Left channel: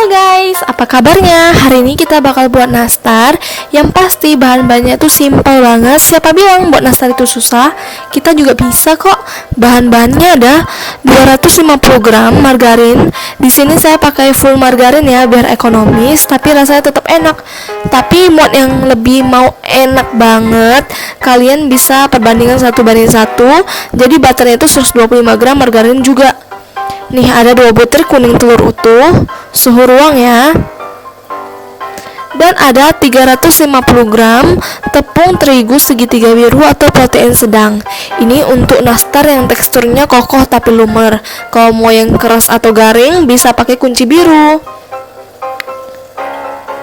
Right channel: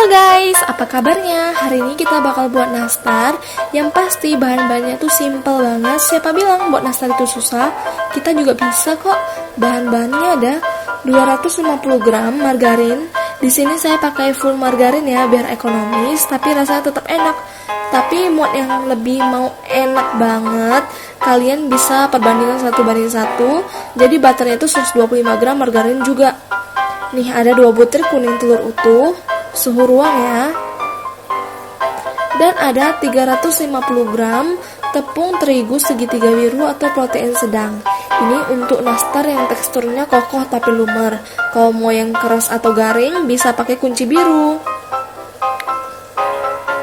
Halo guys, apa kabarnya? Hari ini kita bakal buat nastar. Yang pasti bahan-bahannya itu simpel banget. Siapa bilang buat nastar itu susah? Kita juga bisa kok. Bahan-bahannya ada 250 gram margarin. Di sini saya pakai full margarin ya, biar ekonomis tapi rasanya tetap enak. Tapi buat yang lebih mau enak banget, kalian bisa perbandingan 1:1. Jadi butternya itu 125 gram, margarin juga. Nih ada 2 butir kuning telur utuh, suhu ruang ya. Dan ada 350 gram tepung terigu segitiga biru atau protein sedang. Ini untuk nastar yang teksturnya kokoh tapi lumer. Kalau mau yang keras atau garing bisa pakai kunci biru.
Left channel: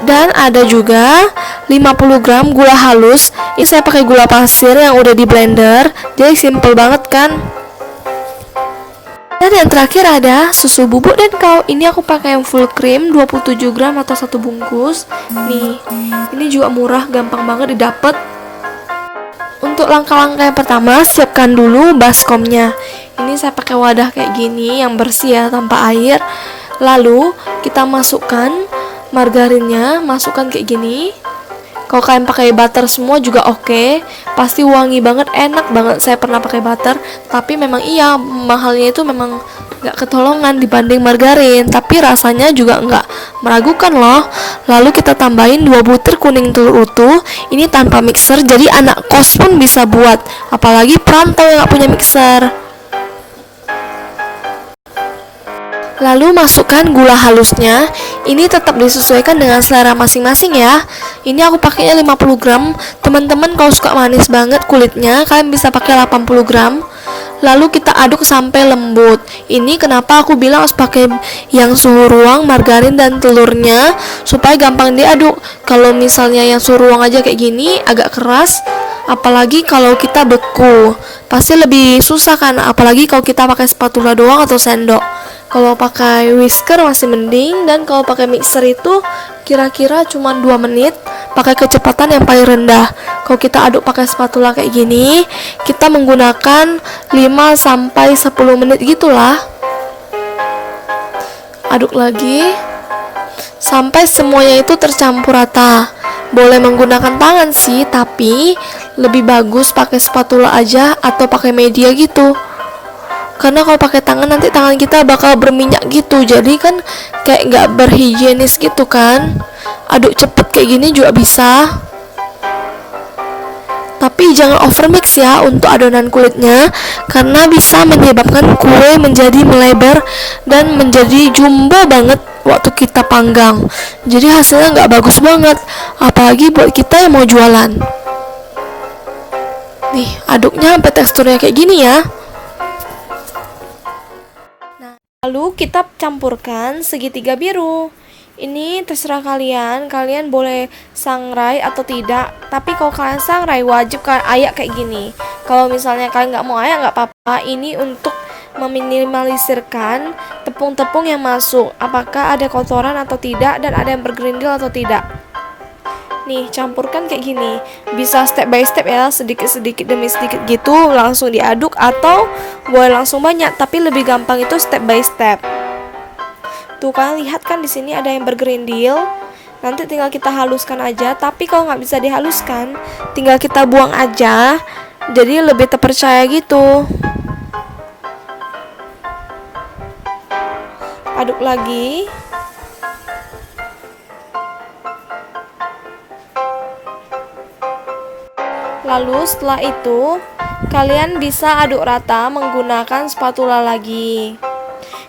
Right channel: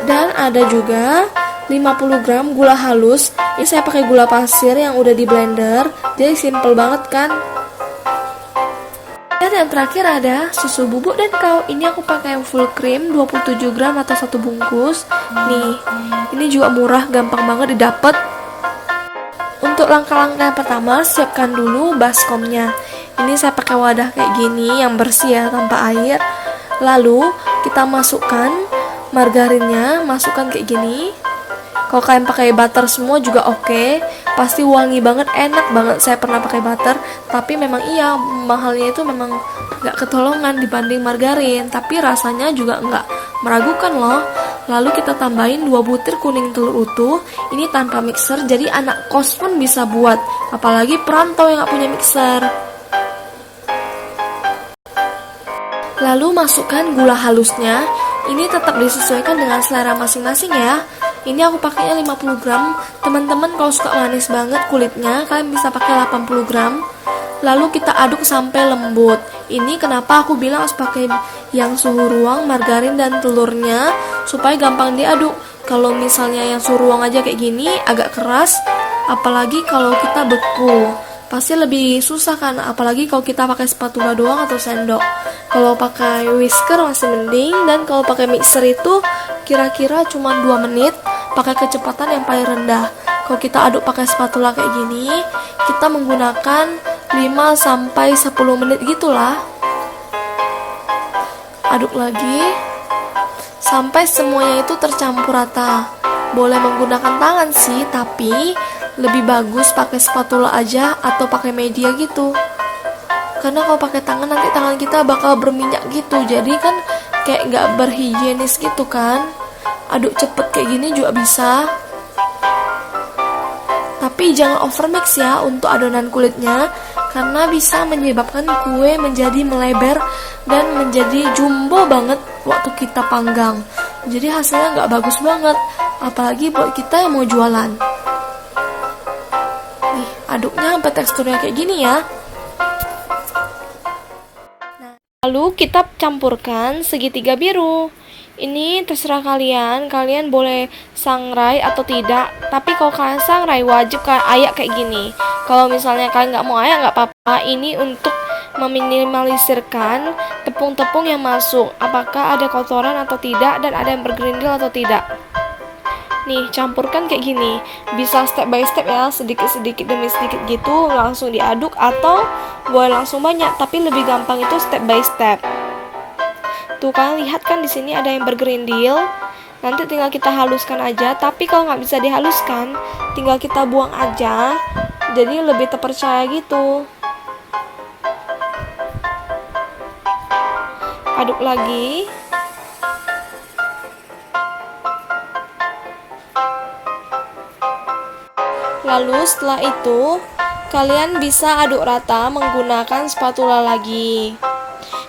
Dan ada juga 50 gram gula halus. Ini saya pakai gula pasir yang udah di blender. Jadi simple banget kan? Dan yang terakhir ada susu bubuk dan kau. Ini aku pakai yang full cream 27 gram atau 1 bungkus. Nih, ini juga murah, gampang banget didapat. Untuk langkah-langkah yang pertama, siapkan dulu baskomnya. Ini saya pakai wadah kayak gini yang bersih ya, tanpa air. Lalu kita masukkan margarinnya, masukkan kayak gini. Kalau kalian pakai butter semua juga oke, pasti wangi banget, enak banget. Saya pernah pakai butter, tapi memang iya mahalnya itu memang nggak ketolongan dibanding margarin, tapi rasanya juga nggak meragukan loh. Lalu kita tambahin 2 butir kuning telur utuh. Ini tanpa mixer, jadi anak kos pun bisa buat, apalagi perantau yang nggak punya mixer. Lalu masukkan gula halusnya. Ini tetap disesuaikan dengan selera masing-masing ya. Ini aku pakainya 50 gram. Teman-teman kalau suka manis banget kulitnya, kalian bisa pakai 80 gram. Lalu kita aduk sampai lembut. Ini kenapa aku bilang harus pakai yang suhu ruang, margarin dan telurnya, supaya gampang diaduk. Kalau misalnya yang suhu ruang aja kayak gini agak keras, apalagi kalau kita beku, pasti lebih susah kan, apalagi kalau kita pakai spatula doang atau sendok. Kalau pakai whisker masih mending, dan kalau pakai mixer itu kira-kira cuma 2 menit, pakai kecepatan yang paling rendah. Kalau kita aduk pakai spatula kayak gini, kita menggunakan 5-10 menit gitulah. Aduk lagi sampai semuanya itu tercampur rata. Boleh menggunakan tangan sih, tapi lebih bagus pakai spatula aja atau pakai media gitu. Karena kalau pakai tangan nanti tangan kita bakal berminyak gitu, jadi kan kayak nggak berhigienis gitu kan. Aduk cepet kayak gini juga bisa, tapi jangan overmix ya untuk adonan kulitnya, karena bisa menyebabkan kue menjadi melebar dan menjadi jumbo banget waktu kita panggang. Jadi hasilnya nggak bagus banget, apalagi buat kita yang mau jualan. Nih aduknya sampai teksturnya kayak gini ya. Lalu kita campurkan segitiga biru. Ini terserah kalian boleh sangrai atau tidak. Tapi kalau kalian sangrai wajib kalian ayak kayak gini. Kalau misalnya kalian nggak mau ayak nggak apa-apa. Ini untuk meminimalisirkan tepung-tepung yang masuk, apakah ada kotoran atau tidak, dan ada yang bergerindil atau tidak. Nih campurkan kayak gini, bisa step by step ya, sedikit-sedikit demi sedikit gitu, langsung diaduk atau boleh langsung banyak, tapi lebih gampang itu step by step. Tuh kalian lihat kan di sini ada yang bergerindil, nanti tinggal kita haluskan aja. Tapi kalau nggak bisa dihaluskan, tinggal kita buang aja, jadi lebih terpercaya gitu. Aduk lagi. Lalu setelah itu kalian bisa aduk rata menggunakan spatula lagi.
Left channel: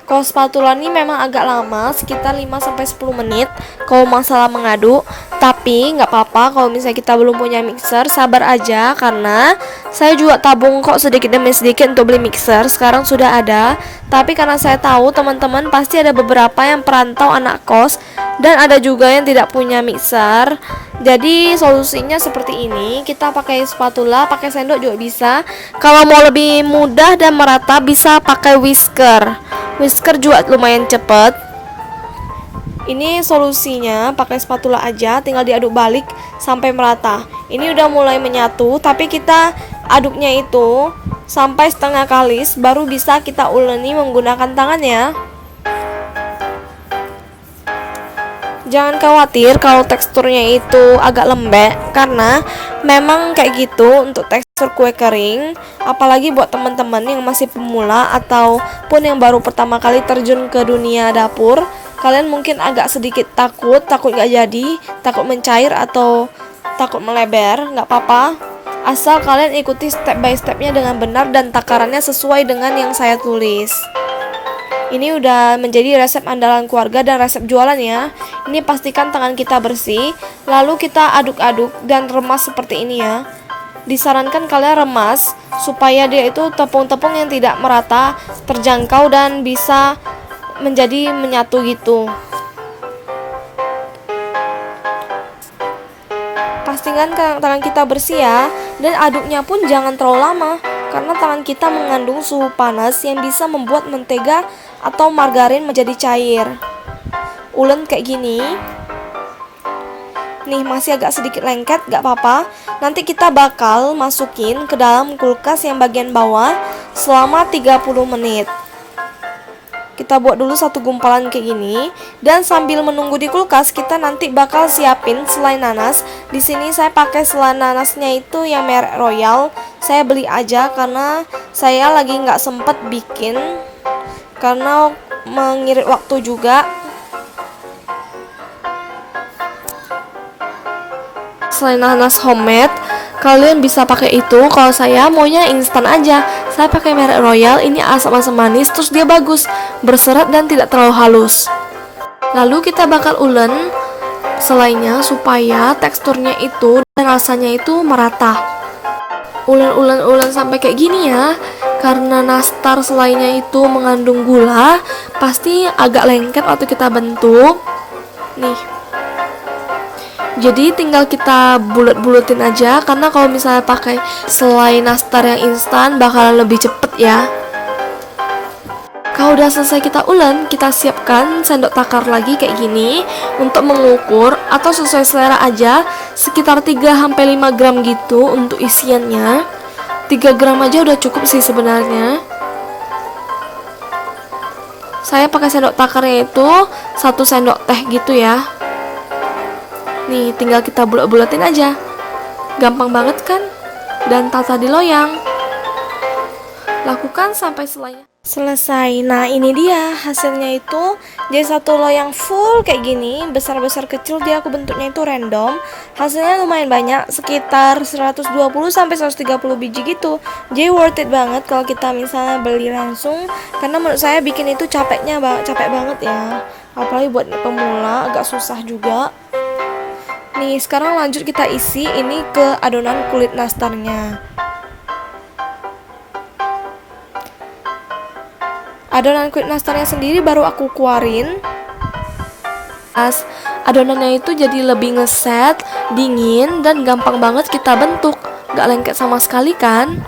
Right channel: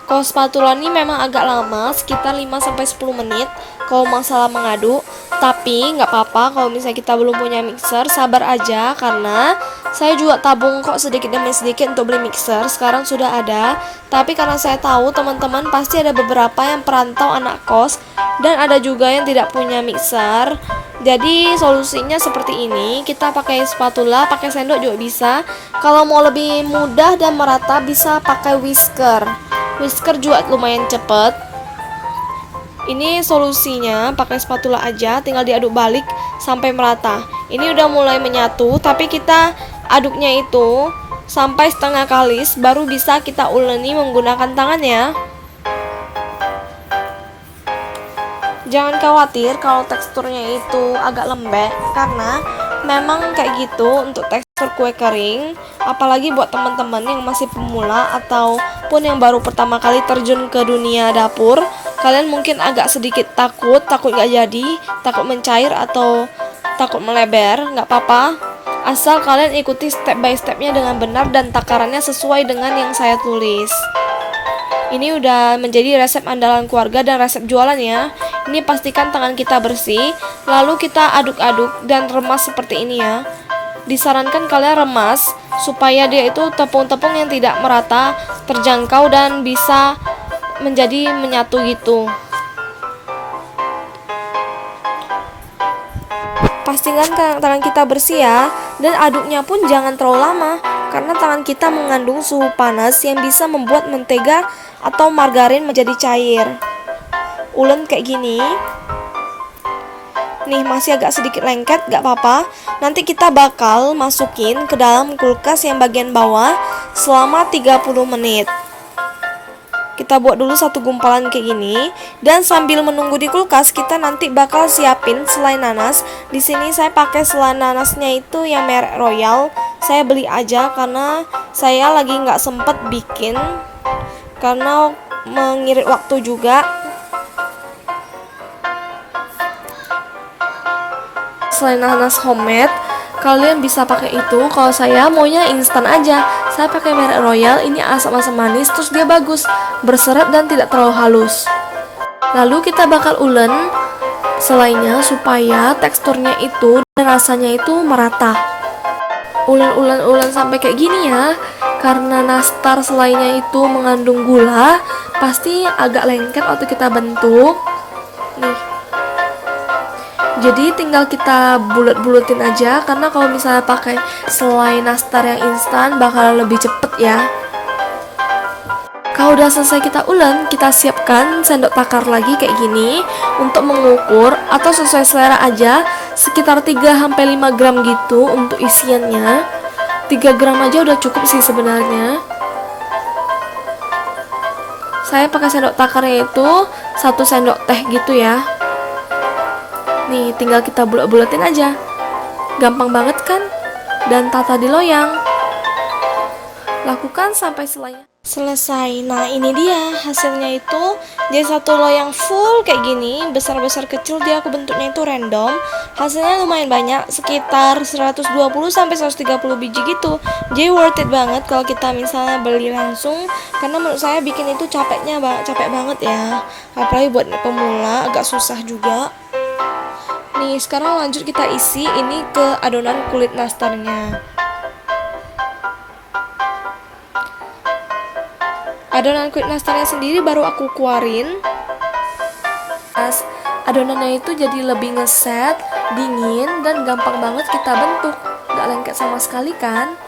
Kalau spatula ini memang agak lama, sekitar 5-10 menit kalau masalah mengaduk. Tapi nggak apa-apa kalau misalnya kita belum punya mixer, sabar aja, karena saya juga tabung kok sedikit demi sedikit untuk beli mixer. Sekarang sudah ada, tapi karena saya tahu teman-teman pasti ada beberapa yang perantau anak kos, dan ada juga yang tidak punya mixer. Jadi solusinya seperti ini, kita pakai spatula, pakai sendok juga bisa. Kalau mau lebih mudah dan merata bisa pakai whisker. Whisker juga lumayan cepet. Ini solusinya, pakai spatula aja, tinggal diaduk balik sampai merata. Ini udah mulai menyatu, tapi kita aduknya itu sampai setengah kalis, baru bisa kita uleni menggunakan tangan ya. Jangan khawatir kalau teksturnya itu agak lembek, karena memang kayak gitu untuk tekstur kue kering. Apalagi buat teman-teman yang masih pemula ataupun yang baru pertama kali terjun ke dunia dapur, kalian mungkin agak sedikit takut gak jadi, takut mencair atau takut melebar. Gak apa-apa, asal kalian ikuti step by stepnya dengan benar dan takarannya sesuai dengan yang saya tulis. Ini udah menjadi resep andalan keluarga dan resep jualan ya. Ini pastikan tangan kita bersih, lalu kita aduk-aduk dan remas seperti ini ya. Disarankan kalian remas supaya dia itu tepung-tepung yang tidak merata, terjangkau dan bisa menjadi menyatu gitu. Pastikan tangan kita bersih ya, dan aduknya pun jangan terlalu lama, karena tangan kita mengandung suhu panas yang bisa membuat mentega atau margarin menjadi cair. Ulen kayak gini. Nih masih agak sedikit lengket, gak apa-apa. Nanti kita bakal masukin ke dalam kulkas yang bagian bawah selama 30 menit. Kita buat dulu satu gumpalan kayak gini, dan sambil menunggu di kulkas kita nanti bakal siapin selai nanas. Di sini saya pakai selai nanasnya itu yang merek Royal. Saya beli aja karena saya lagi nggak sempet bikin, karena mengirit waktu juga. Selain nanas homemade, kalian bisa pakai itu. Kalau saya maunya instan aja, saya pakai merek Royal. Ini asam-asam manis, terus dia bagus, berserat dan tidak terlalu halus. Lalu kita bakal ulen selainya supaya teksturnya itu dan rasanya itu merata. Ulen sampai kayak gini ya. Karena nastar selainya itu mengandung gula, pasti agak lengket waktu kita bentuk. Nih. Jadi tinggal kita bulet-buletin aja, karena kalau misalnya pakai selai nastar yang instan bakalan lebih cepet ya. Kalau udah selesai kita ulen, kita siapkan sendok takar lagi kayak gini untuk mengukur, atau sesuai selera aja, sekitar 3-5 gram gitu untuk isiannya. 3 gram aja udah cukup sih sebenarnya. Saya pakai sendok takarnya itu 1 sendok teh gitu ya. Nih tinggal kita bulet-buletin aja, gampang banget kan? Dan tata di loyang. Lakukan sampai selesai. Nah ini dia hasilnya itu. Jadi satu loyang full kayak gini, besar-besar kecil, dia aku bentuknya itu random. Hasilnya lumayan banyak, sekitar 120 sampai 130 biji gitu. Jadi worth it banget kalau kita misalnya beli langsung, karena menurut saya bikin itu capek banget ya. Apalagi buat pemula agak susah juga. Nih sekarang lanjut kita isi ini ke adonan kulit nastarnya. Adonan kulit nastarnya sendiri baru aku keluarin. Adonannya itu jadi lebih ngeset, dingin, dan gampang banget kita bentuk. Gak lengket sama sekali kan?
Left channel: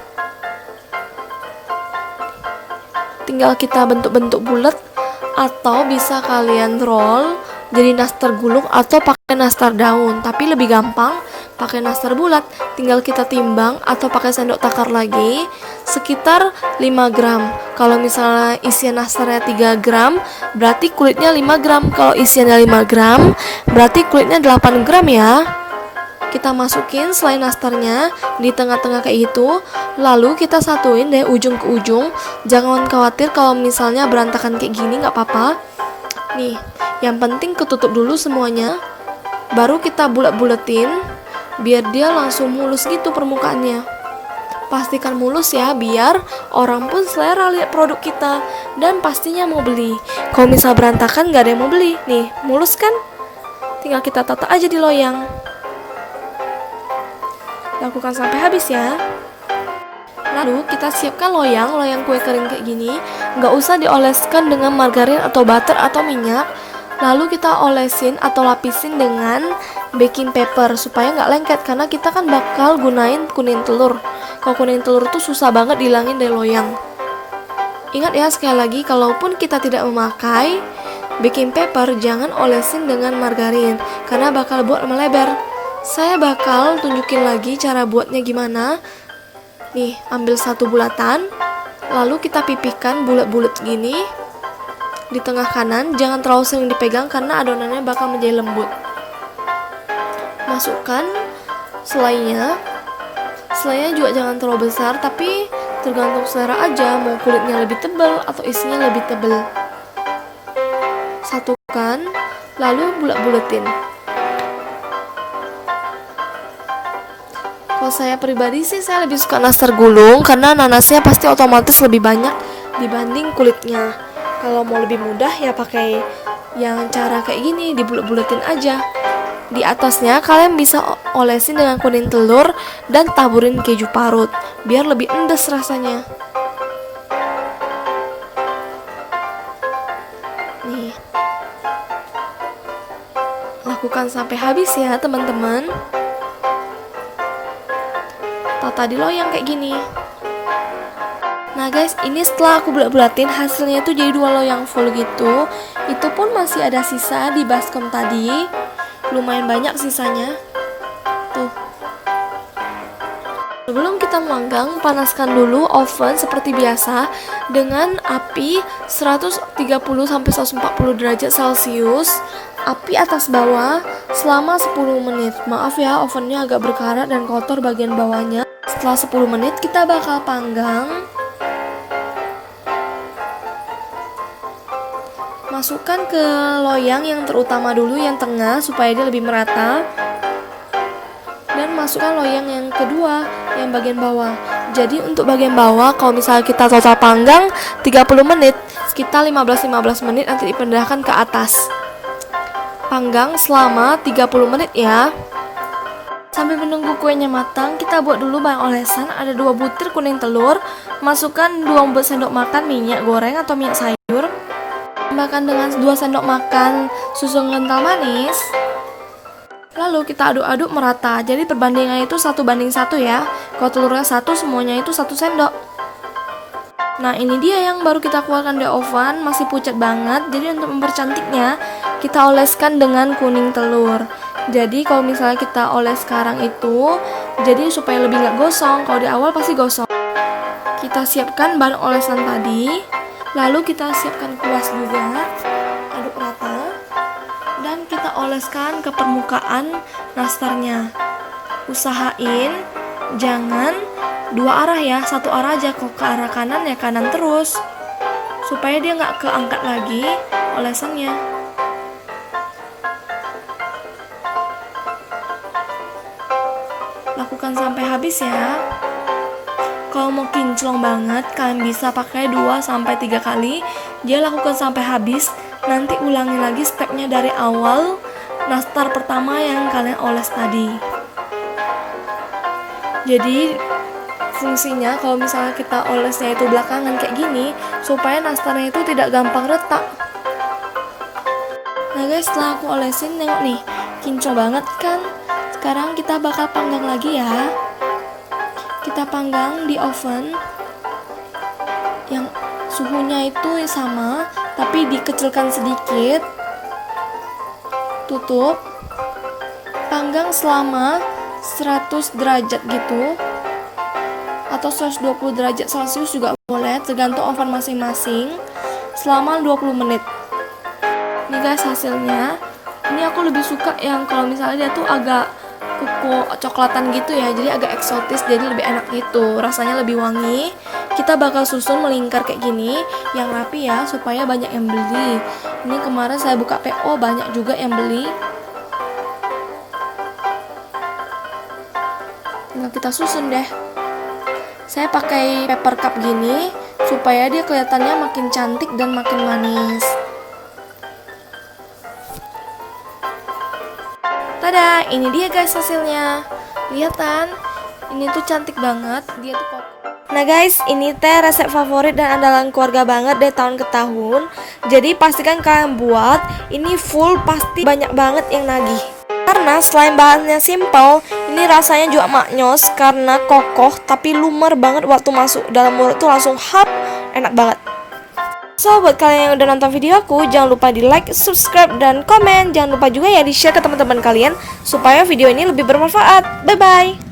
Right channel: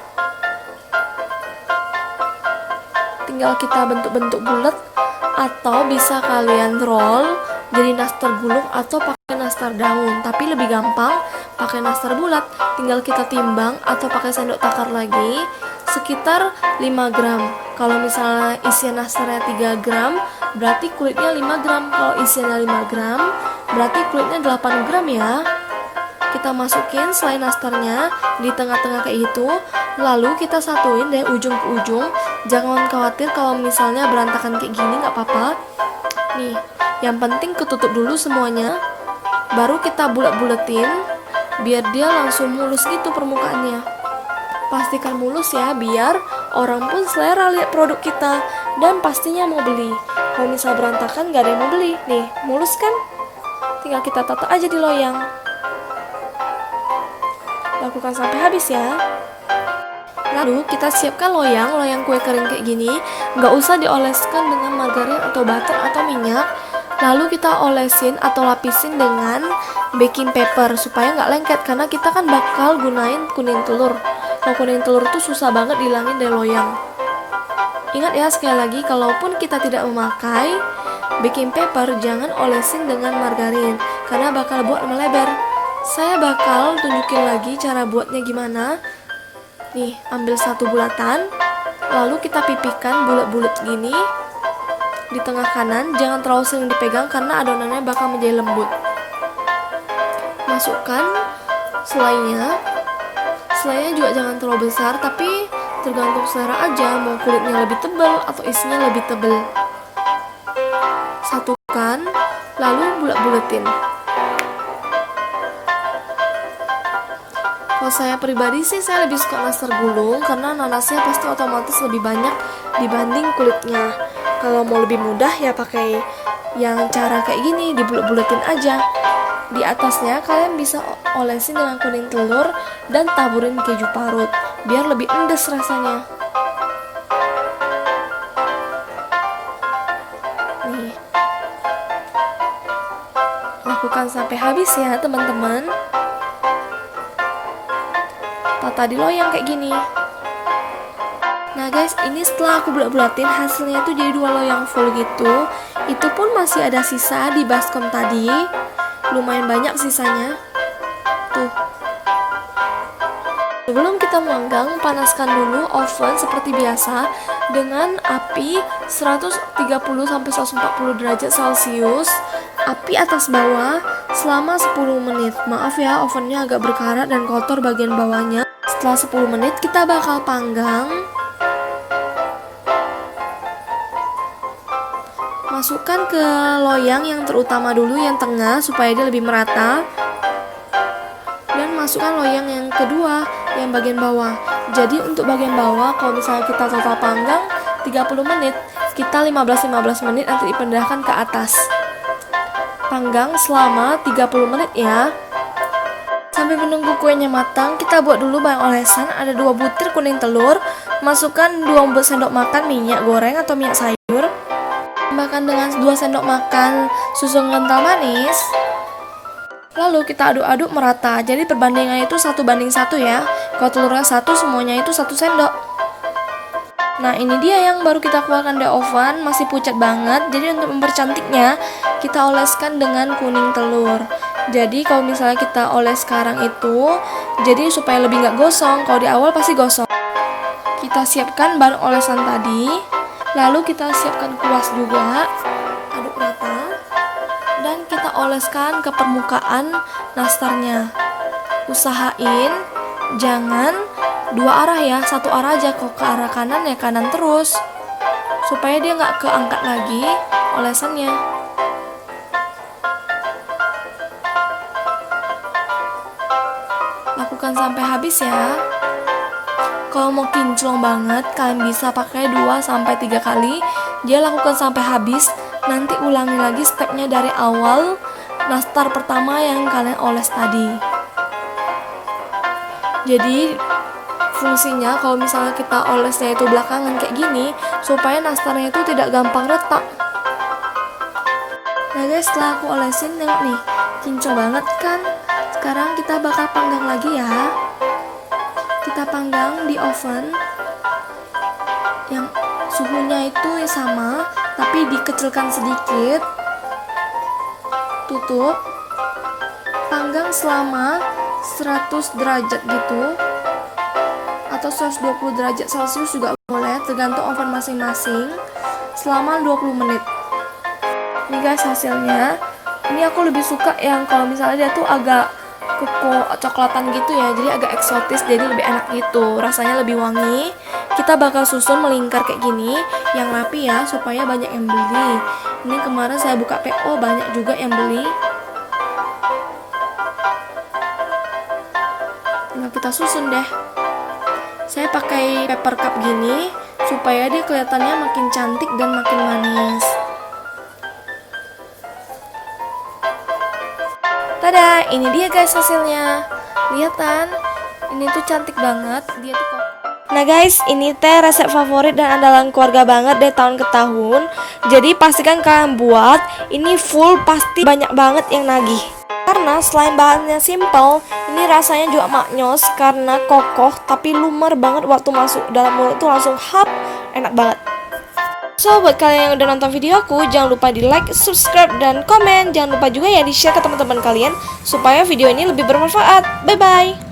Tinggal kita bentuk-bentuk bulat, atau bisa kalian roll jadi nastar gulung atau pakai nastar daun. Tapi lebih gampang pakai nastar bulat. Tinggal kita timbang atau pakai sendok takar lagi, sekitar 5 gram. Kalau misalnya isian nastarnya 3 gram, berarti kulitnya 5 gram. Kalau isiannya 5 gram, berarti kulitnya 8 gram ya. Kita masukin selai nastarnya di tengah-tengah kayak gitu. Lalu kita satuin dari ujung ke ujung. Jangan khawatir kalau misalnya berantakan kayak gini, gak apa-apa. Nih, yang penting ketutup dulu semuanya, baru kita bulet-buletin biar dia langsung mulus gitu permukaannya. Pastikan mulus ya, biar orang pun selera lihat produk kita dan pastinya mau beli. Kalau misal berantakan gak ada yang mau beli. Nih, mulus kan? Tinggal kita tata aja di loyang. Lakukan sampai habis ya. Lalu kita siapkan loyang kue kering kayak gini. Gak usah dioleskan dengan margarin atau butter atau minyak. Lalu kita olesin atau lapisin dengan baking paper supaya nggak lengket, karena kita kan bakal gunain kuning telur. Kalau kuning telur tuh susah banget dihilangin dari loyang. Ingat ya sekali lagi, kalaupun kita tidak memakai baking paper, jangan olesin dengan margarin karena bakal buat melebar. Saya bakal tunjukin lagi cara buatnya gimana. Nih, ambil satu bulatan, lalu kita pipihkan bulat-bulat gini. di tengah kanan, jangan terlalu sering dipegang karena adonannya bakal menjadi lembut. Masukkan selainya. Selainya juga jangan terlalu besar, tapi tergantung selera aja, mau kulitnya lebih tebal atau isinya lebih tebal. Satukan, lalu bulat-bulatin. Kalau saya pribadi sih, saya lebih suka nastar gulung karena nanasnya pasti otomatis lebih banyak dibanding kulitnya. Kalau mau lebih mudah ya pakai yang cara kayak gini, dibulet-buletin aja. Di atasnya kalian bisa olesin dengan kuning telur dan taburin keju parut biar lebih endes rasanya. Nih. Lakukan sampai habis ya, teman-teman. Tata di loyang kayak gini. Nah guys, ini setelah aku bulat-bulatin, hasilnya tuh jadi 2 loyang full gitu. Itu pun masih ada sisa di baskom tadi. Lumayan banyak sisanya. Tuh. Sebelum kita memanggang, panaskan dulu oven seperti biasa dengan api 130-140 derajat Celcius. Api atas bawah selama 10 menit. Maaf ya, ovennya agak berkarat dan kotor bagian bawahnya. Setelah 10 menit kita bakal panggang. Masukkan ke loyang yang terutama dulu, yang tengah, supaya dia lebih merata. Dan masukkan loyang yang kedua, yang bagian bawah. Jadi untuk bagian bawah, kalau misalnya kita total panggang 30 menit, kita 15 menit nanti dipindahkan ke atas. Panggang selama 30 menit ya. Sambil menunggu kuenya matang, kita buat dulu bahan olesan. Ada 2 butir kuning telur. Masukkan 2 sendok makan minyak goreng atau minyak sayur. Tambahkan dengan 2 sendok makan susu kental manis. Lalu kita aduk-aduk merata. Jadi perbandingan itu 1:1 ya. Kalau telurnya 1, semuanya itu 1 sendok. Nah ini dia yang baru kita keluarkan dari oven. Masih pucat banget. Jadi untuk mempercantiknya, kita oleskan dengan kuning telur. Jadi kalau misalnya kita oles sekarang itu, jadi supaya lebih nggak gosong. Kalau di awal pasti gosong. Kita siapkan bahan olesan tadi. Lalu kita siapkan kuas juga, aduk rata, dan kita oleskan ke permukaan nastarnya. Usahain jangan 2 arah ya, 1 arah aja. Kok ke arah kanan ya kanan terus, supaya dia nggak keangkat lagi olesannya. Lakukan sampai habis ya. Kalau mau kinclong banget, kalian bisa pakai 2-3 kali. Dia lakukan sampai habis. Nanti ulangi lagi stepnya dari awal nastar pertama yang kalian oles tadi. Jadi fungsinya kalau misalnya kita olesnya itu belakangan kayak gini, supaya nastarnya itu tidak gampang retak. Nah guys, setelah aku olesin, tengok nih, kinclong banget kan. Sekarang kita bakal panggang lagi ya. Kita panggang di oven yang suhunya itu sama, tapi dikecilkan sedikit. Tutup. Panggang selama 100 derajat gitu, atau 120 derajat Celcius juga boleh, tergantung oven masing-masing, selama 20 menit. Ini guys hasilnya. Ini aku lebih suka yang kalau misalnya dia tuh agak koko coklatan gitu ya, jadi agak eksotis, jadi lebih enak gitu, rasanya lebih wangi. Kita bakal susun melingkar kayak gini, yang rapi ya, supaya banyak yang beli. Ini kemarin saya buka PO, banyak juga yang beli. Nah kita susun deh. Saya pakai paper cup gini, supaya dia kelihatannya makin cantik dan makin manis. Tada, ini dia guys hasilnya. Lihat kan? Ini tuh cantik banget. Dia tuh kok. Nah guys, ini teh resep favorit dan andalan keluarga banget dari tahun ke tahun. Jadi pastikan kalian buat. Ini full pasti banyak banget yang nagih. Karena selain bahannya simple, ini rasanya juga maknyos karena kokoh tapi lumer banget waktu masuk dalam mulut tuh langsung hap, enak banget. So, buat kalian yang udah nonton video aku, jangan lupa di like, subscribe, dan komen. Jangan lupa juga ya di share ke teman-teman kalian supaya video ini lebih bermanfaat. Bye-bye!